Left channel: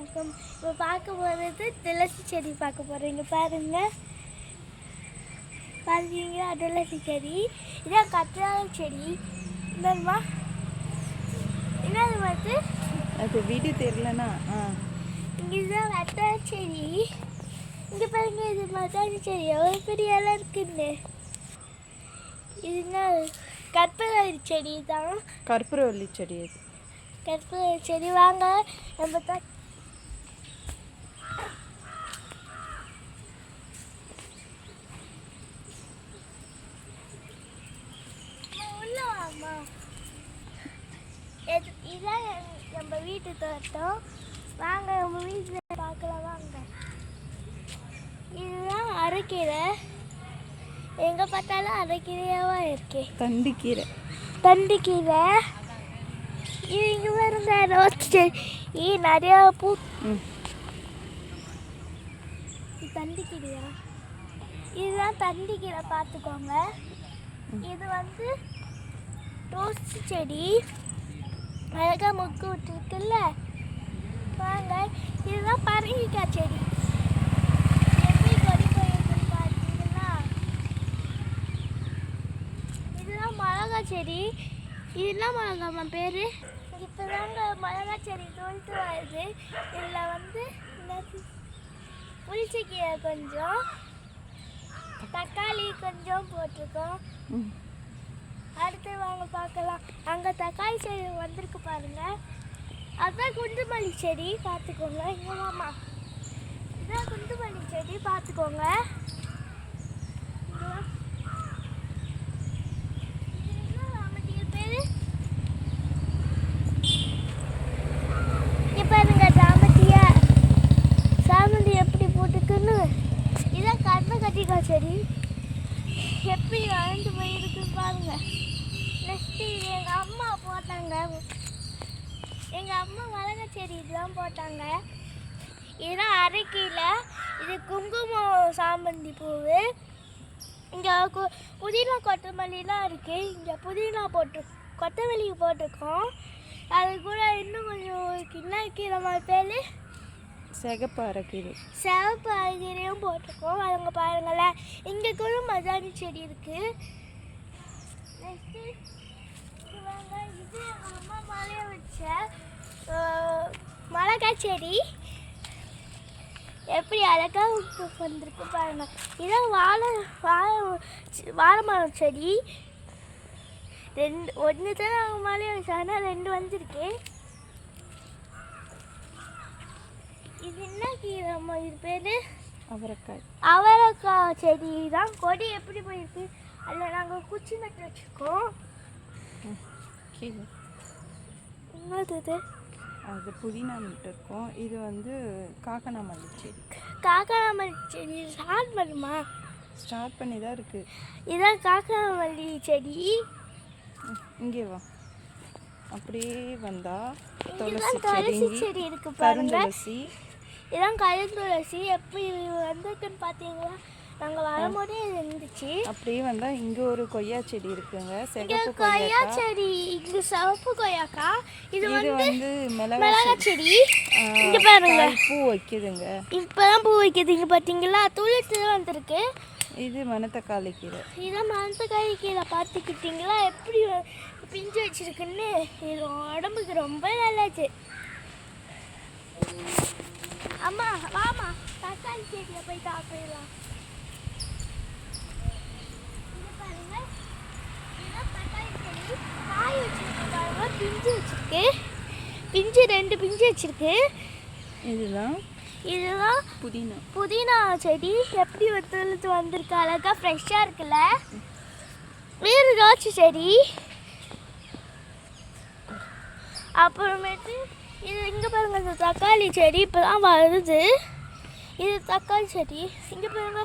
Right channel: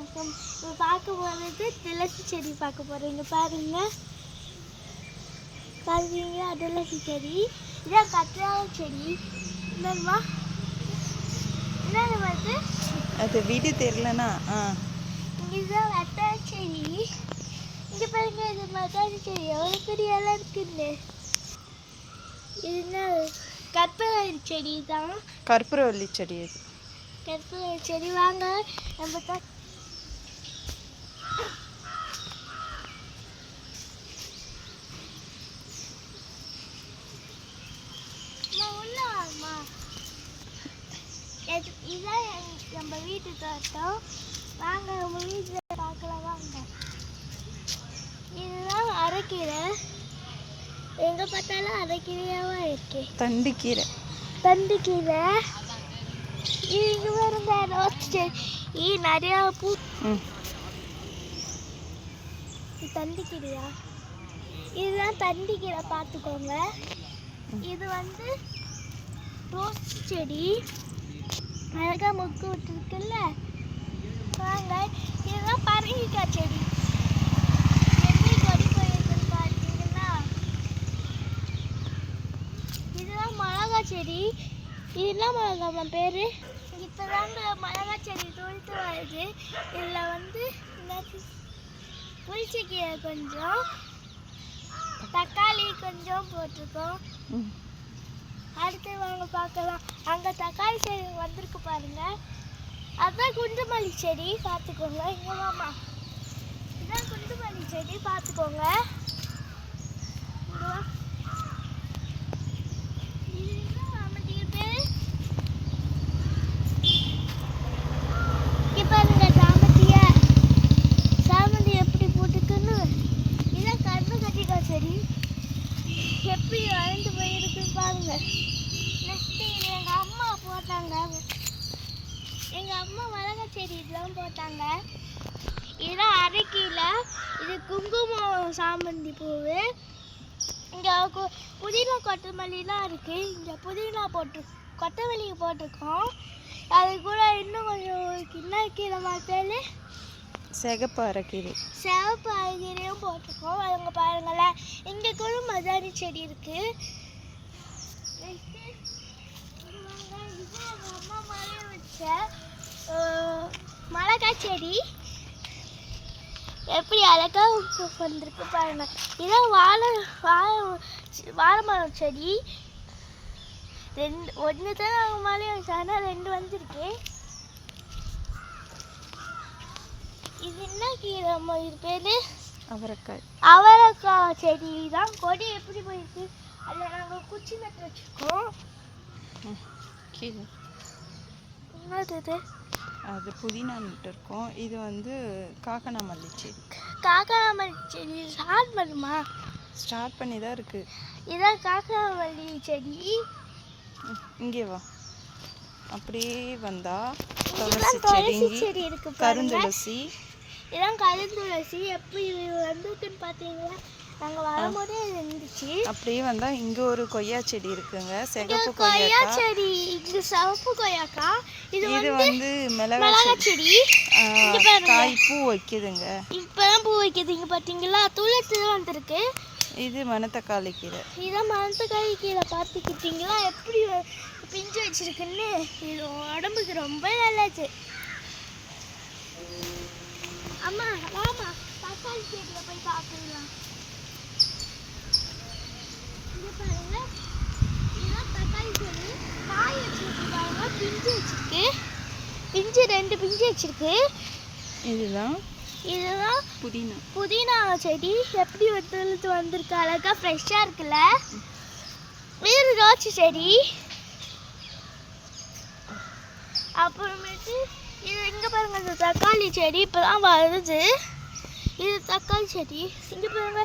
வணக்கம். இப்போ பார்க்க போகிறது துளசி செடி பார்க்க போகிறோம். இங்கே பாருங்கள், பார்த்தீங்களா துளசி செடி. இதான் கற்றாழை செடி. இந்தம்மா என்னது பார்த்து அது வீடு தெரியலனா இதுதான் கற்றாழை செடி. இங்கே பாருங்க, இது மத்தாழை செடி எவ்வளோ பெரிய இலை இருக்குன்னு. இதுதான் கற்பூரவள்ளி செடி தான். கற்பூரவள்ளி செடி அது. கற்பூரவள்ளி செடி வாங்க நம்ம இதான் நம்ம வீட்டு தோட்டம். வாங்க நம்ம வீட்டில் பார்க்கலாம் வாங்க. இதுதான் அரைக்கீரை. எங்கே பார்த்தாலும் அரைக்கீரையாகவும் இருக்கு. தண்டுக்கீரை. தண்டுக்கீரை. இது இங்கே பாருங்க, ரோஸ் செடி நிறையா பூ. இது தண்டுக்கீரையா? இதுதான் தண்டுக்கீரை, பார்த்துக்கோங்க. இது வந்து ரோஸ் செடி அழகாக மொக்கு விட்டுருக்குல்ல. வாங்க, இதுதான் பரங்கிக்காய் செடி. எப்படி கொடி போயிருக்குன்னு பார்த்தீங்கன்னா, இதுதான் மிளகா செடி. இதெல்லாம் மிளகாமா பேர். இப்போ தாங்க மிளகா செடி தொழுத்து வருது. இதில் வந்து புளிச்சக்கீரை கொஞ்சம், தக்காளி கொஞ்சம் போட்டிருக்கோம். அடுத்து வாங்க பார்க்கலாம். அங்கே தக்காளி செடி வந்திருக்கு பாருங்க. அதுதான் குண்டுமல்லி செடி, பார்த்துக்கோங்க. இங்கே வாமா, இதுதான் குண்டுமல்லி செடி, பார்த்துக்கோங்க. சாமந்தி எப்படி போட்டுக்குன்னு. இதான் கண்ணகட்டிக்காய் செடி எப்படி வளர்ந்து போயிருக்குன்னு பாருங்க. நெக்ஸ்ட்டு எங்கள் அம்மா போட்டாங்க. எங்கள் அம்மா மிளகா செடி இதெல்லாம் போட்டாங்க. இதெல்லாம் அரைக்கீரை. இது குங்குமம் சாமந்தி பூவு. இங்கே புதினா கொத்தமல்லிலாம் இருக்குது. இங்கே புதினா கொத்தமல்லி போட்டிருக்கோம். அது கூட இன்னும் கொஞ்சம் என்ன கீரை பேர், சிகப்பு அரைக்கீரை. சிவப்பு அரைக்கீரையும் போட்டிருக்கோம். அவங்க பாருங்களேன், இங்கே கூட மதானி செடி இருக்குது. இது எங்கள் அம்மா மழைய வச்ச மிளகாய் செடி எப்படி அழகாக வந்திருக்கு பாருங்க. இதான் வாழை மரம் செடி. ஒன்று தான் நாங்கள் மழைய வச்சோம், ஆனால் 2 வந்திருக்கு. இது என்ன கீரை அம்மா, இது பேர் அவரைக்காய். அவரைக்காய் செடி தான். கொடி எப்படி போயிருக்கு, அதில் நாங்கள் குச்சி நட்டு வச்சுருக்கோம். என்னது அது புதினா நட்டு இருக்கோம். இது வந்து காக்கனாமல்லி செடி. காக்கனாமல்லி செடி ஸ்டார்ட் பண்ணுமா? ஸ்டார்ட் பண்ணி தான் இருக்குது. இதான் காக்கனாமல்லி செடி. இங்கே வா, அப்படியே வந்தா துளசி செடி இருக்கு பாருங்க. கருந்துளசி. இதான் கருந்துளசி. எப்படி வந்துருக்குன்னு பார்த்தீங்களா? நாங்கள் வரும்போதே இருந்துச்சு. அப்படியே வந்தால் இங்கே ஒரு கொய்யா செடி இருக்குங்க, சிகப்பு கொய்யா செடி. இங்கே சிவப்பு கொய்யாக்கா. இது வந்து மிளகா செடி. காய் பூ வைக்குதுங்க. இப்போதான் பூ வைக்குது. இங்கே பார்த்தீங்களா, துளசி தான் வந்திருக்கு. இது மணத்தக்காளி கீரை. இதுதான் மணத்தக்காளி கீரை. பார்த்துக்கிட்டீங்களா எப்படி பிஞ்சு வச்சிருக்குன்னு. இது உடம்புக்கு ரொம்ப நல்லாச்சு. அம்மா வாமா, தக்காளி செடியில் போய் சாப்பிடலாம். இங்கே பாருங்க, இதுதான் தக்காளி செடி. காய் வச்சிருக்காங்க, பிஞ்சு வச்சிருக்கு. பிஞ்சு 2 பிஞ்சு வச்சிருக்கு. இதுதான் புதினா செடி. எப்படி ஒருத்தழுத்து வந்திருக்கு, அழகாக ஃப்ரெஷ்ஷாக இருக்குல்ல. வேறு ரோச்சு செடி. அப்புறமேட்டு இது இங்கே பாருங்க, இந்த தக்காளி செடி இப்போ தான் வருது. இது தக்காளி செடி. இங்கே பாருங்க,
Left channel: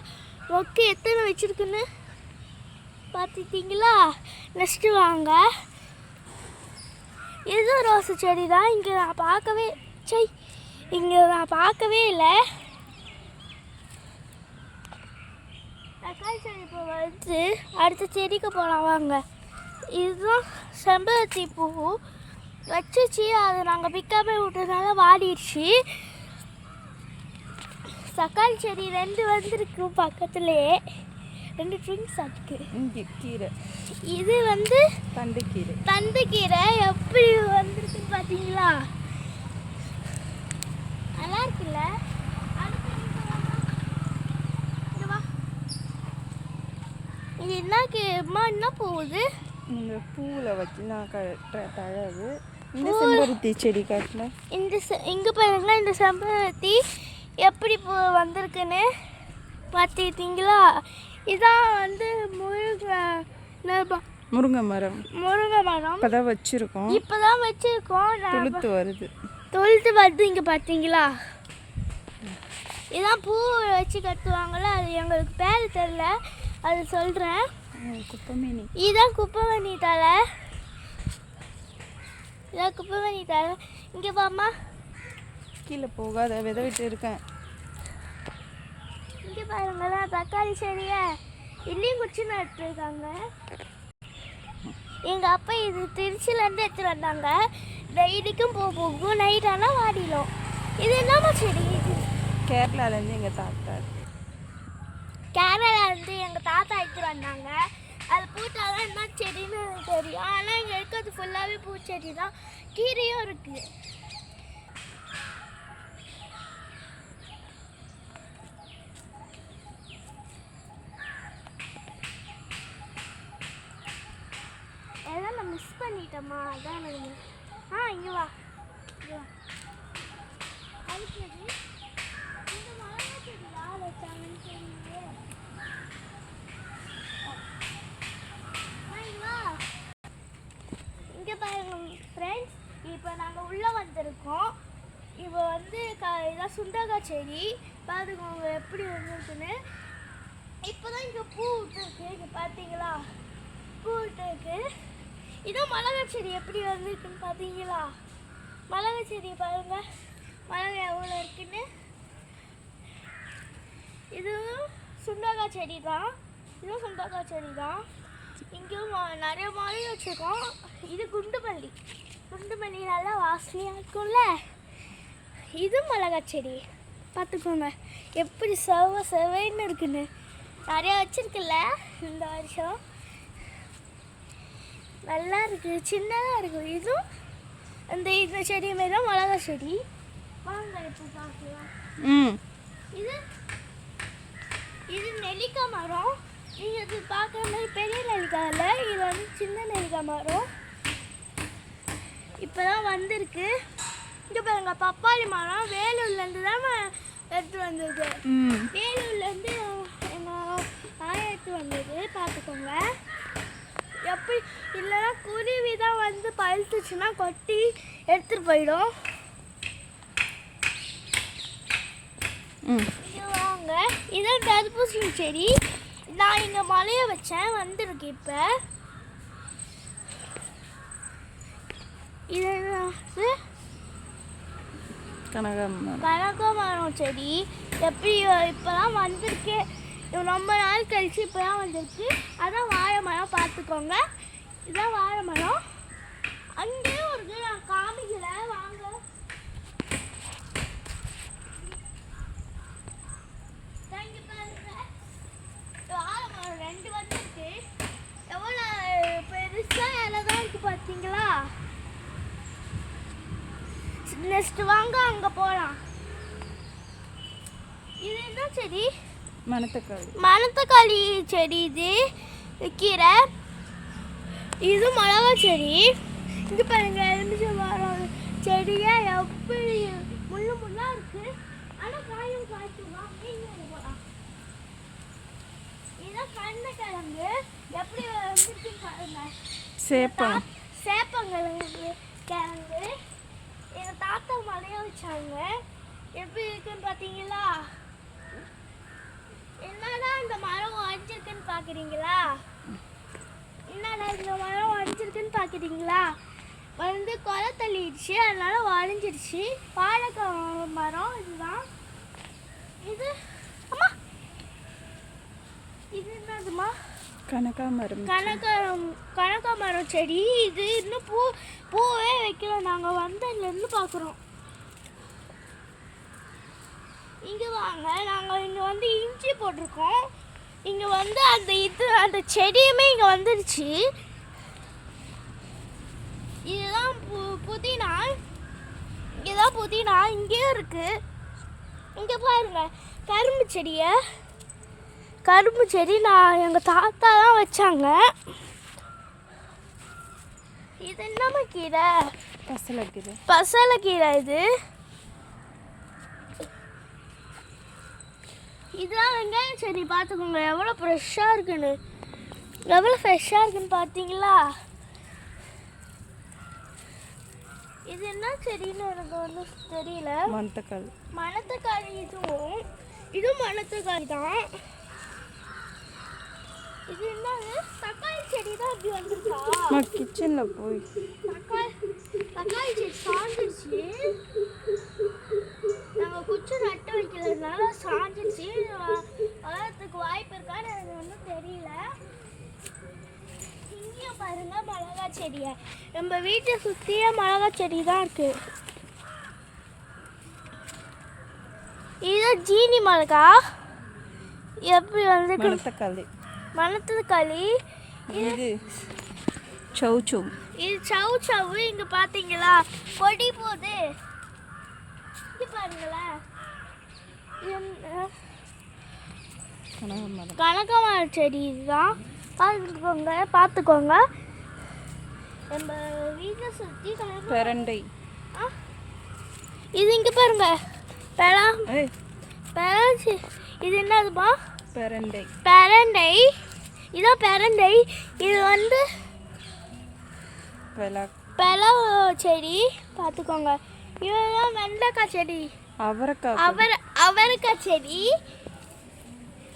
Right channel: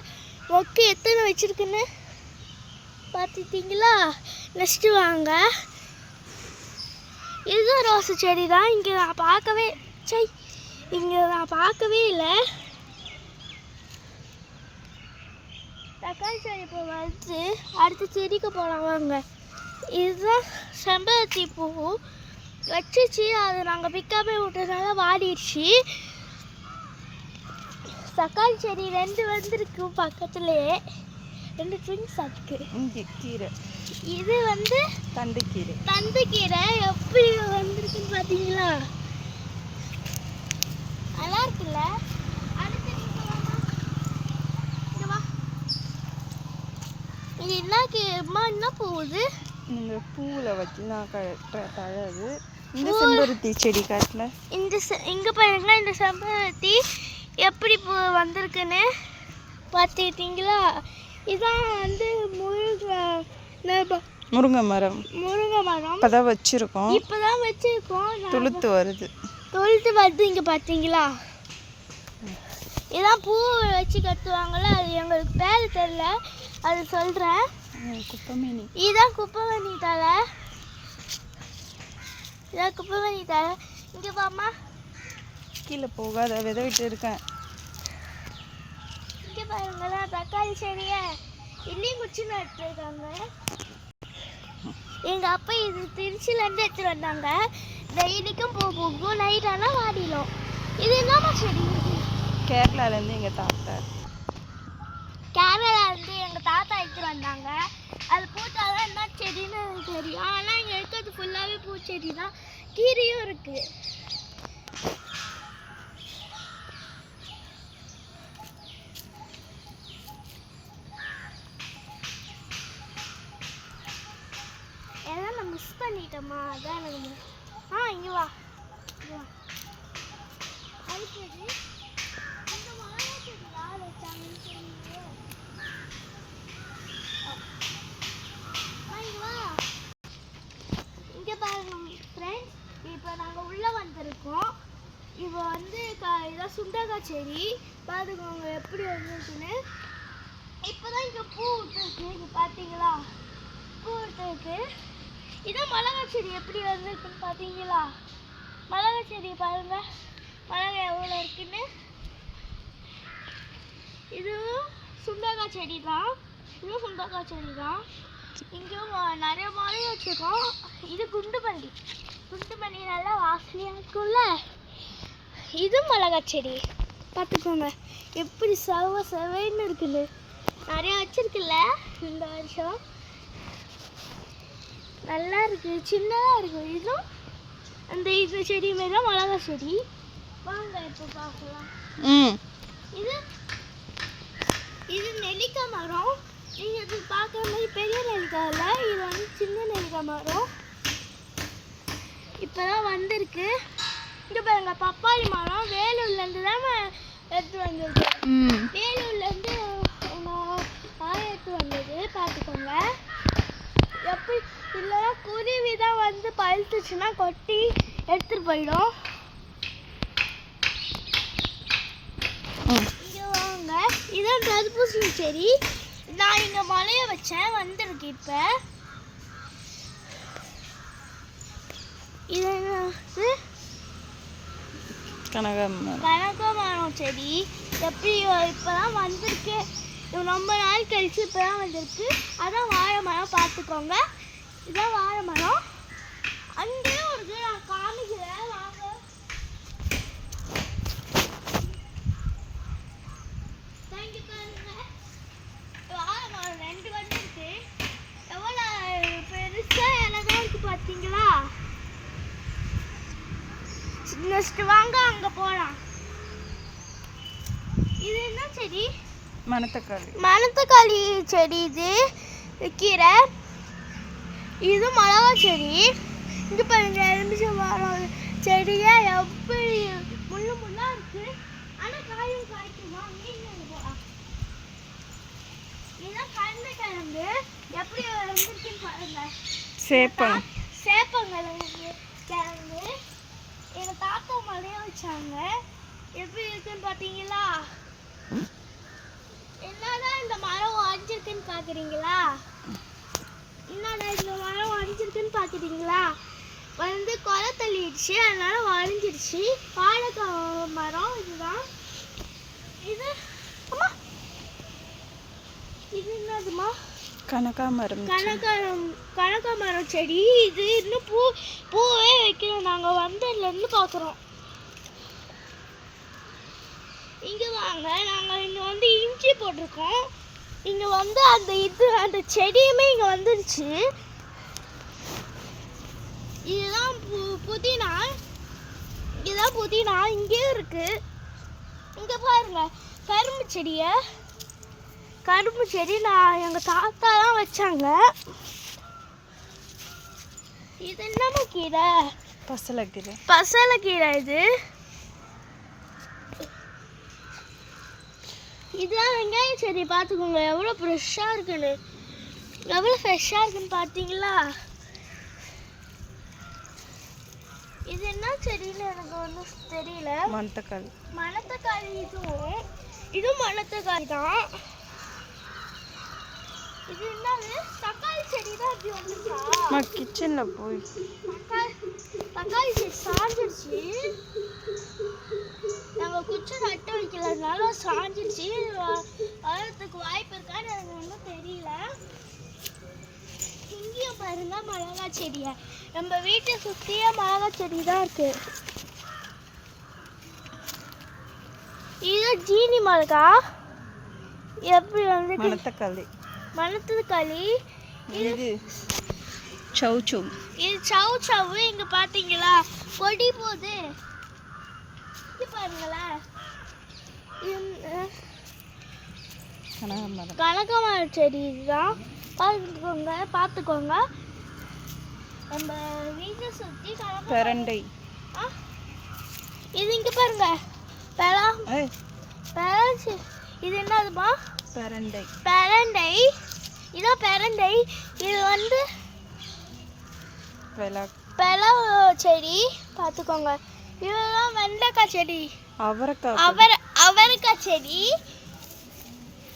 மொக்கு எத்தனை வச்சுருக்குன்னு பார்த்துட்டிங்களா? நெக்ஸ்ட்டு வாங்க, இதுதான் ரோஸு செடி தான். இங்கே நான் பார்க்கவே இல்லை. தக்காளி செடி இப்போ வந்து அடுத்த செடிக்கு போகலாம் வாங்க. இதுதான் செம்பருத்தி பூ. வச்சிச்சு, அதை நாங்கள் பிக்காமல் விட்டதுனால வாடிடுச்சு. தக்காளி செடி 2 வந்திருக்கு பக்கத்துலேயே, 2 ட்ரிங்ஸ் அதுக்கு. இங்கே கீரை, இது வந்து தண்டுக்கீரை. தண்டுக்கீரை எப்படி வந்திருக்குன்னு பார்த்தீங்களா? நல்லா இருக்குல்ல? இது என்ன போகுது? நீங்கள் பூவில் வச்சு நான் தழகு. இந்த செம்பருத்தி செடி காட்டில் இங்கே பாருங்க, இந்த செம்பருத்தி எப்படி வந்திருக்குன்னு பார்த்துக்கிட்டீங்களா? இதான் வந்து முருங்கை மரம். முருங்கை மரம் இப்போதான் வச்சுருக்கோம். இப்போதான் வச்சுருக்கோம். துளுத்து வருது. இங்கே பார்த்தீங்களா? இதான் பூ வச்சு கட்டுவாங்கள்ல, அது எங்களுக்கு பேர் தெரியல, அது சொல்கிறேன். குப்பைமேனி. இதுதான் குப்பைமேனி தலை. இதான் குப்பைமேனி தலை. இங்கே பாம்மா, கீழே போகாத, விதை விட்டு இருக்கேன். இங்கே பாருங்களேன், தக்காளி செடியை இன்னும் குச்சி நட்டுருக்காங்க. எங்கள் அப்பா இது திருச்சியிலேருந்து எடுத்துகிட்டு வந்தாங்க. டெய்லிக்கும் போகும், நைட் ஆனால் வாடிடும். இது என்னம்மா செடி? கேரளாலேருந்து எங்கள் தாத்தா. கேரளாலேருந்து எங்கள் தாத்தா எடுத்துகிட்டு வந்தாங்க. அது பூத்தாலும் என்ன செடின்னு எனக்கு தெரியும். ஆனால் இங்கே இருக்கிறது ஃபுல்லாகவே பூச்செடி தான். கீரையும் இருக்குது. எல்லாம் நான் மிஸ் பண்ணிட்டோமா? அதான் இங்கே வா, இங்கே வா. இந்த மிளகா செடி யார் வச்சாங்கன்னு தெரியலையே. இங்கே பாருங்க ஃப்ரெண்ட்ஸ், இப்போ நாங்கள் உள்ளே வந்திருக்கோம். இப்போ வந்து இதான் சுண்டக்காய் செடி. பார்த்துக்கோங்க எப்படி வந்துருக்குன்னு. இப்போ தான் இங்கே பூ விட்டுருக்கு. இங்கே பார்த்தீங்களா? பூ விட்டுருக்கு. இதான் மிளகா செடி எப்படி வந்திருக்குன்னு பார்த்தீங்களா? மிளகா செடி பாருங்க, மிளகா எவ்வளோ இருக்குன்னு. இதுவும் சுண்டக்காய் செடி தான். இதுவும் சுண்டக்காய் செடி தான். இங்கேயும் நிறைய மழை வச்சுருக்கோம். இது குண்டுமல்லி. குண்டுமல்லி நல்லா வாசனையாக இருக்கும்ல. இது மிளகாய் செடி பார்த்துக்கோங்க எப்படி செவைன்னு இருக்குன்னு. நிறையா வச்சுருக்குல்ல இந்த வருஷம். நல்லா இருக்குது, சின்னதாக இருக்குது. இதுவும் இந்த செடி மாரி தான் மிளகா செடி. வாங்க இப்போ பார்க்கலாம். இது நெல்லிக்காய் மரம். நீங்கள் இது பார்க்குற மாதிரி பெரிய நெல்லிக்காய் இல்லை, இது வந்து சின்ன நெல்லிக்காய் மரம். இப்போ தான் வந்திருக்கு. இங்கே பாருங்க, பப்பாளி மரம் வேலூர்லேருந்து தான் எடுத்து வந்திருக்கு. வேலூர்லேருந்து எங்கள் எடுத்து வந்தது. பார்த்துக்கோங்க எப்படி. இல்லைன்னா குருவி தான் வந்து பழுத்துச்சுன்னா கொட்டி எடுத்துகிட்டு போயிடும். வாங்க, இதான் தர்பூசணி செடி. நான் இங்கே மலையை வச்சேன், வந்திருக்கு. இப்போ இது கனகாமரம் செடி. எப்படி இப்போ தான் வந்திருக்கு, ரொம்ப நாள் கழிச்சு இப்போ தான் வந்திருக்கு. அதான் வாழை மரம். பார்த்துக்கோங்க, இதான் வாழை மரம். அங்கேயும் ஒரு நான் காமிக்கிறேன், வாங்க. வாழை மரம் 2 வந்துருக்கு. எவ்வளோ பெருசாக இலை தான் இருக்குது பார்த்தீங்களா? நெக்ஸ்ட் வாங்க அங்கே போகலாம். இது என்ன செடி? மணத்தக்காளி செடி. இது கீரை. இது மிளகா செடி. இது பாருங்க, எலுமிச்சை மரம் செடியே எப்படி முள்ளாக இருக்கு. ஆனால் காயும் காய்க்குமா? இதுதான் கருணைக்கிழங்கு. எப்படி வந்துருக்குன்னு பாருங்க. சேப்பங்கிழங்கு கிழங்கு. எங்கள் தாத்தா மலையை வச்சாங்க. எப்படி இருக்குன்னு பார்த்தீங்களா? என்னதான் இந்த மரம் வளைஞ்சிருக்குன்னு பார்க்குறீங்களா? என்னடா இந்த மரம் வளைஞ்சிருக்குன்னு பார்க்குறீங்களா? வந்து கொலை தள்ளிடுச்சு, அதனால வளைஞ்சிருச்சு. வாழைக்காய் மரம் இதுதான். இது அம்மா, இது என்னதுமா? கனகாமரம் செடி. இது இன்னும் பூவே வைக்கல. நாங்கள் வந்ததுலேருந்து பார்க்குறோம். இங்கே வாங்க, நாங்கள் இங்கே வந்து இஞ்சி போட்டிருக்கோம். இங்கே வந்து அந்த செடியுமே இங்கே வந்துடுச்சு. இதுதான் புதினா. இதுதான் புதினா, இங்கேயும் இருக்கு. இங்கே பாருங்க கரும்பு செடி நான் எங்கள் தாத்தா தான் வச்சாங்க. இது என்னம்மா கீரை? பசலைக்கீரை. இதுதான் வெங்காயம் செடி. பார்த்துக்கோங்க எவ்வளோ ஃப்ரெஷ்ஷாக இருக்குன்னு. பார்த்தீங்களா? இது என்ன செடின்னு எனக்கு ஒன்றும் தெரியல. மணத்தக்காளி. இதுவும் மணத்தக்காளி தான். இது என்னது? தக்காளி செடி தான் அப்படி வந்துச்சா? கிச்சனில் போய் தக்காளி செடி சாஞ்சிடுச்சு. நாங்கள் குச்சி நட்டு வைக்கிறதுனால சாஞ்சிடுச்சு. வளர்றதுக்கு வாய்ப்பு இருக்கான்னு எனக்கு ஒன்றும் தெரியல. இங்கேயும் பாருங்க மிளகா செடியை. நம்ம வீட்டை சுற்றியே மிளகா செடி தான் இருக்கு. இதுதான் ஜீனி மிளகா. எப்படி வந்து மணத்தக்காளி. இது சௌ. இது சௌ. இங்க பாத்தீங்களா கொடி போகுது. இங்க பாருங்களேன். கனகாமரம் செடி இதுதான். பார்த்துக்கோங்க. நம்ம வீட்டை சுற்றி பெரண்டை. இது இங்க பாருங்க. இது என்னதுமா? பெரண்டை. இதோ பெரண்டை. இது வந்து பலா செடி. பார்த்துக்கோங்க. இதெல்லாம் வெண்டைக்காய் செடி. அவரைக்காய் செடி.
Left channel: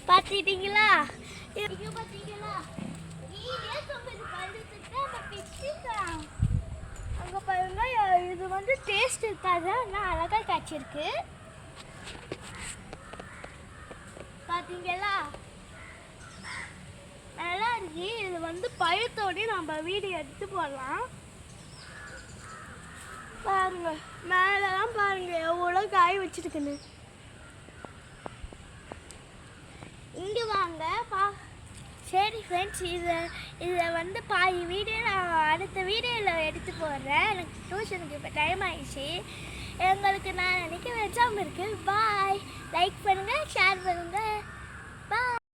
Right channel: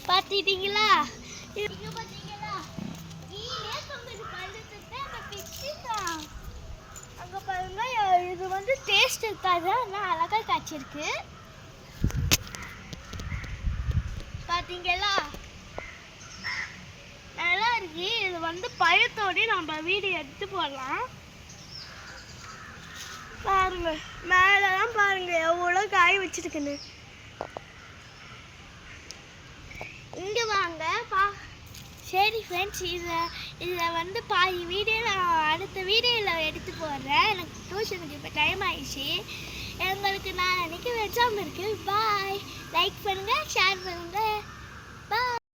பார்த்துட்டீங்களா? அங்கே பாருங்க. இது வந்து டேஸ்ட் இருக்காது, ஆனால் அழகாக காய்ச்சிருக்கு. பார்த்தீங்களா? நல்லா இருக்கு. இது வந்து பழத்தோடு நம்ம வீடியோ எடுத்து போடலாம். பாருங்க மேலெல்லாம் பாருங்க எவ்வளோ காய் வச்சிருக்குன்னு. இங்கே வாங்க சரி ஃப்ரெண்ட்ஸ், இதை வந்து பாதி வீடியோ நான் அடுத்த வீடியோவில் எடுத்து போடுறேன். எனக்கு டியூஷனுக்கு இப்போ டைம் ஆயிடுச்சு. எங்களுக்கு நான் நினைக்கிற எக்ஸாம் இருக்குது. பாய். லைக் பண்ணுங்கள், ஷேர் பண்ணுங்கள்.